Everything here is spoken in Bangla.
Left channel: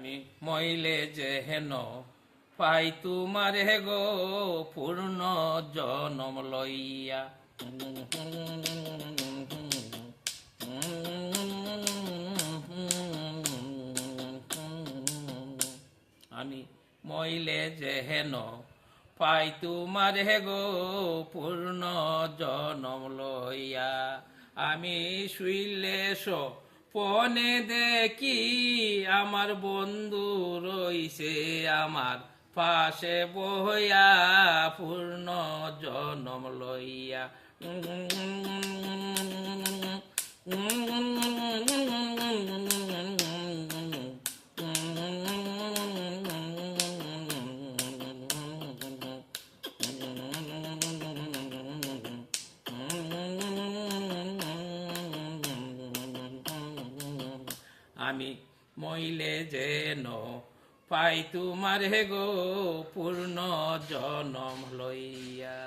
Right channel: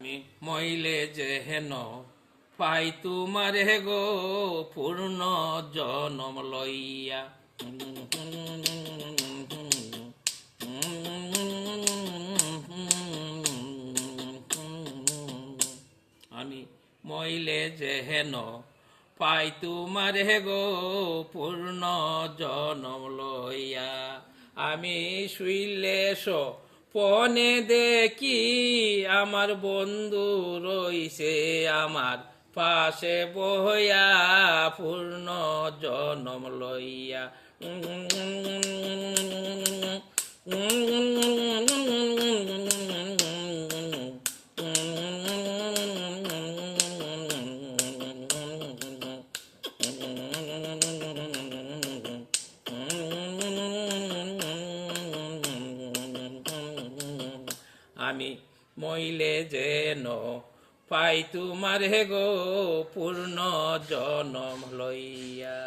আমি মইলে যে হেন পাই তোমারে গো পূর্ণ জনম লইয়া। আমি মইলে যে হেন পাই তোমারে গো পূর্ণ জনম লইয়া। আমি শুইলে পনে দেখি আমার বন্ধু রইছে আমার পাশে বইয়া পূর্ণ জনম লইয়া। আমি মইলে যেন পাই তোমারে গো পূর্ণ জনম লইয়া।